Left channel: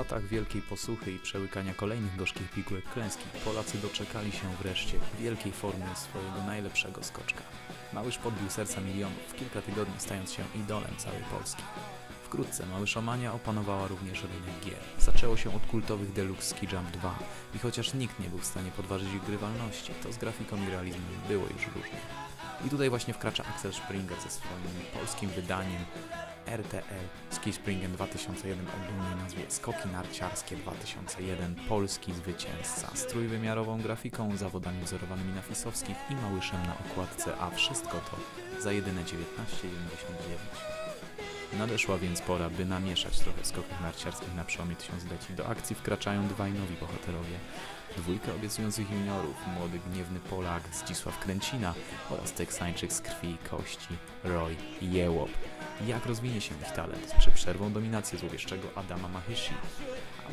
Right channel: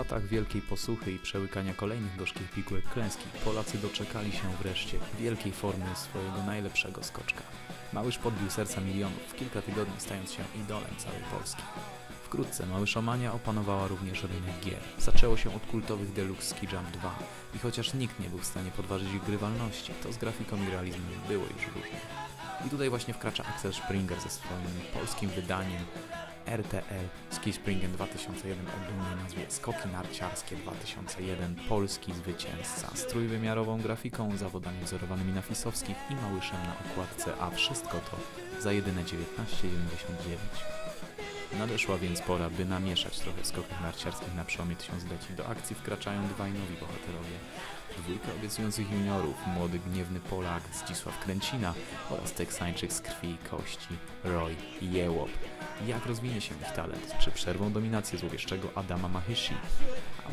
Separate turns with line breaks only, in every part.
latach wielkiej posuchy i przełykania kolejnych gorzkich pigułek klęski, Polacy doczekali się wreszcie wielkiej formy swojego najlepszego skoczka. Małyż podbił serca milionów, kilka tygodni stając się idolem całej Polski. Wkrótce Małyszomania opanowała również rynek gier. Zaczęło się od kultowych Deluxe Ski Jump 2 i chociaż nikt nie był w stanie podważyć ich grywalności, to z grafiką i realizmem było już różnie. I tutaj właśnie wkracza Axel Springer ze swoim polskim wydaniem RTL Ski Springen 2001 o dumnej nazwie Skoki Narciarskie 2001 Polski Zwycięzca z trójwymiarową grafiką, zawodami wzorowanymi na Fisowskich i Małyszem na okładce, a wszystko to za jedyne 19,99. Nadeszła więc pora, by namieszać trochę skoków narciarskich na przełomie tysiącleci. Do akcji wkraczają dwaj nowi bohaterowie. Dwójka obiecujących juniorów, młody gniewny Polak Zdzisław Kręcina oraz Teksańczyk z krwi i kości Roy Jełop. Jak rozwinie się ich talent? Czy przerwą dominację złowieszczego Adama Mahyshi?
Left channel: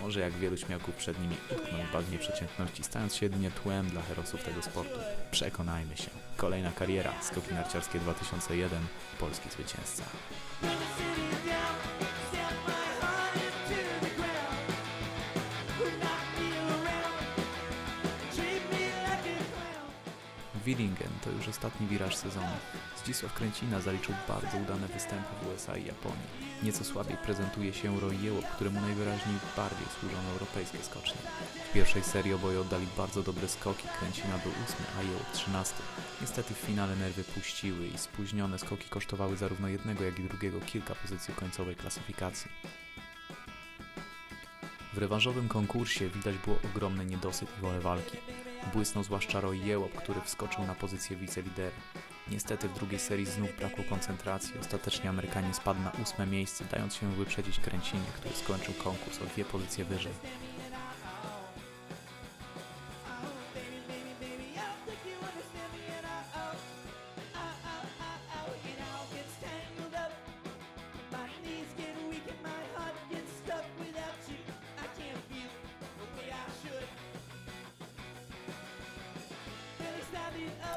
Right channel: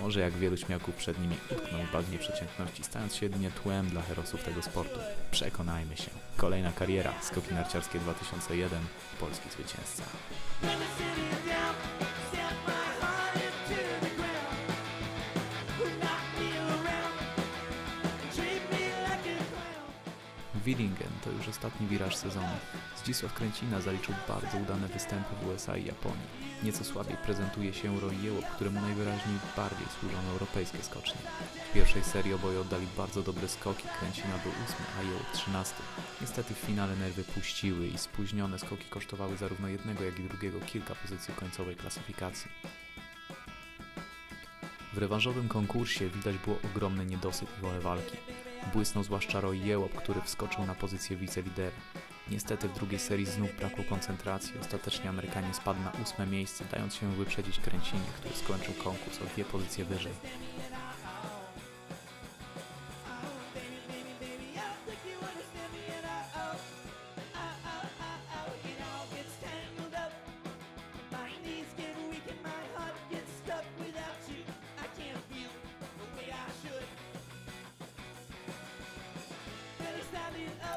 Może jak wielu śmiałków przed nimi utkną w bagnie przeciętności, stając się jedynie tłem dla herosów tego sportu? Przekonajmy się. Kolejna kariera, skoki narciarskie 2001, polski zwycięzca. Willingen to już ostatni wiraż sezonu. Zdzisław Kręcina zaliczył bardzo udane występy w USA i Japonii. Nieco słabiej prezentuje się Roy Jełop, któremu najwyraźniej bardziej służą europejskie skocznie. W pierwszej serii oboje oddali bardzo dobre skoki, Kręcina był ósmy, a Jełop trzynasty. Niestety w finale nerwy puściły i spóźnione skoki kosztowały zarówno jednego, jak i drugiego kilka pozycji końcowej klasyfikacji. W rewanżowym konkursie widać było ogromny niedosyt i wolę walki. Błysnął zwłaszcza Roy Jełop, który wskoczył na pozycję wicelidera. Niestety w drugiej serii znów brakło koncentracji. Ostatecznie Amerykanin spadł na ósme miejsce, dając się wyprzedzić Kręcinie, który skończył konkurs o dwie pozycje wyżej.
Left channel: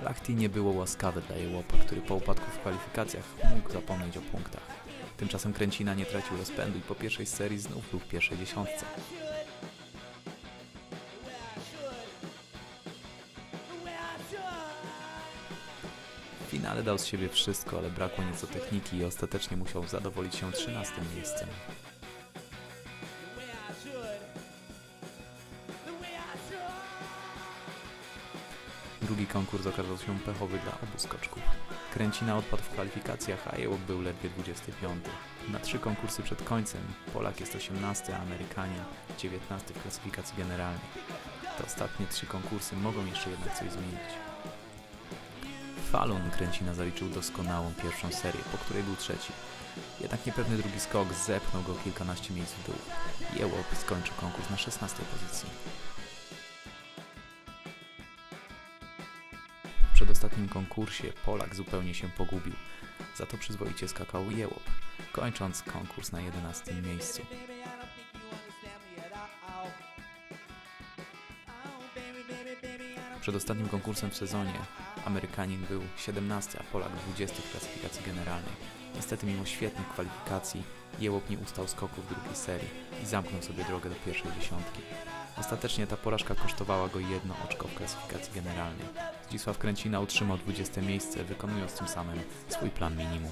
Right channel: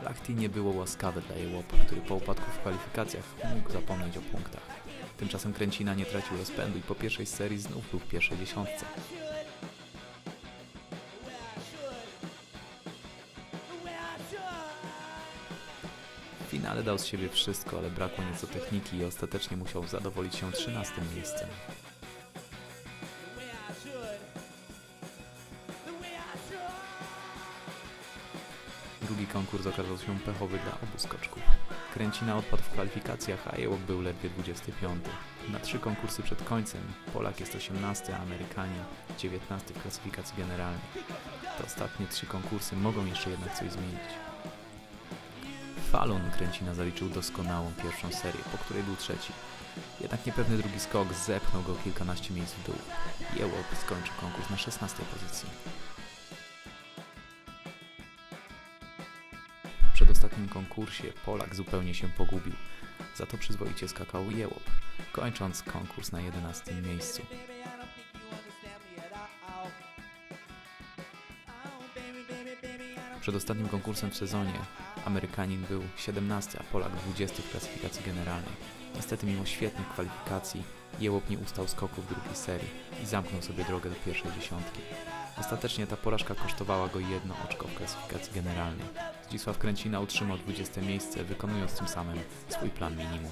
Lachty nie było łaskawe dla Jełopa, który po upadku w kwalifikacjach mógł zapomnieć o punktach. Tymczasem Kręcina nie tracił rozpędu i po pierwszej serii znów był w pierwszej dziesiątce. W finale dał z siebie wszystko, ale brakło nieco techniki i ostatecznie musiał zadowolić się 13 miejscem. Drugi konkurs okazał się pechowy dla obu skoczków. Kręcina odpadł w kwalifikacjach, a Jełop był ledwie 25. Na trzy konkursy przed końcem Polak jest 18, a Amerykanin 19 w klasyfikacji generalnej. Te ostatnie trzy konkursy mogą jeszcze jednak coś zmienić. Falun Kręcina zaliczył doskonałą pierwszą serię, po której był trzeci. Jednak niepewny drugi skok zepchnął go kilkanaście miejsc w dół. Jełop skończył konkurs na 16 pozycji. Przedostatnim konkursie Polak zupełnie się pogubił. Za to przyzwoicie skakał Jełop, kończąc konkurs na 11 miejscu. Przed ostatnim konkursem w sezonie Amerykanin był 17, a Polak 20 w klasyfikacji generalnej. Niestety mimo świetnych kwalifikacji Jełop nie ustał skoku w drugiej serii i zamknął sobie drogę do pierwszej dziesiątki. Ostatecznie ta porażka kosztowała go jedno oczko w klasyfikacji generalnej. Zdzisław Kręcina utrzymał 20 miejsce, wykonując tym samym swój plan minimum.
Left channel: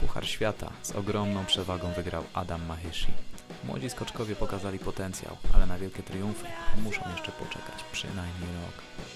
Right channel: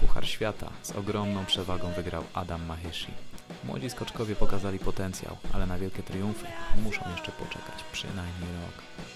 Puchar Świata z ogromną przewagą wygrał Adam Mahyshi. Młodzi skoczkowie pokazali potencjał, ale na wielkie triumfy muszą jeszcze poczekać przynajmniej rok.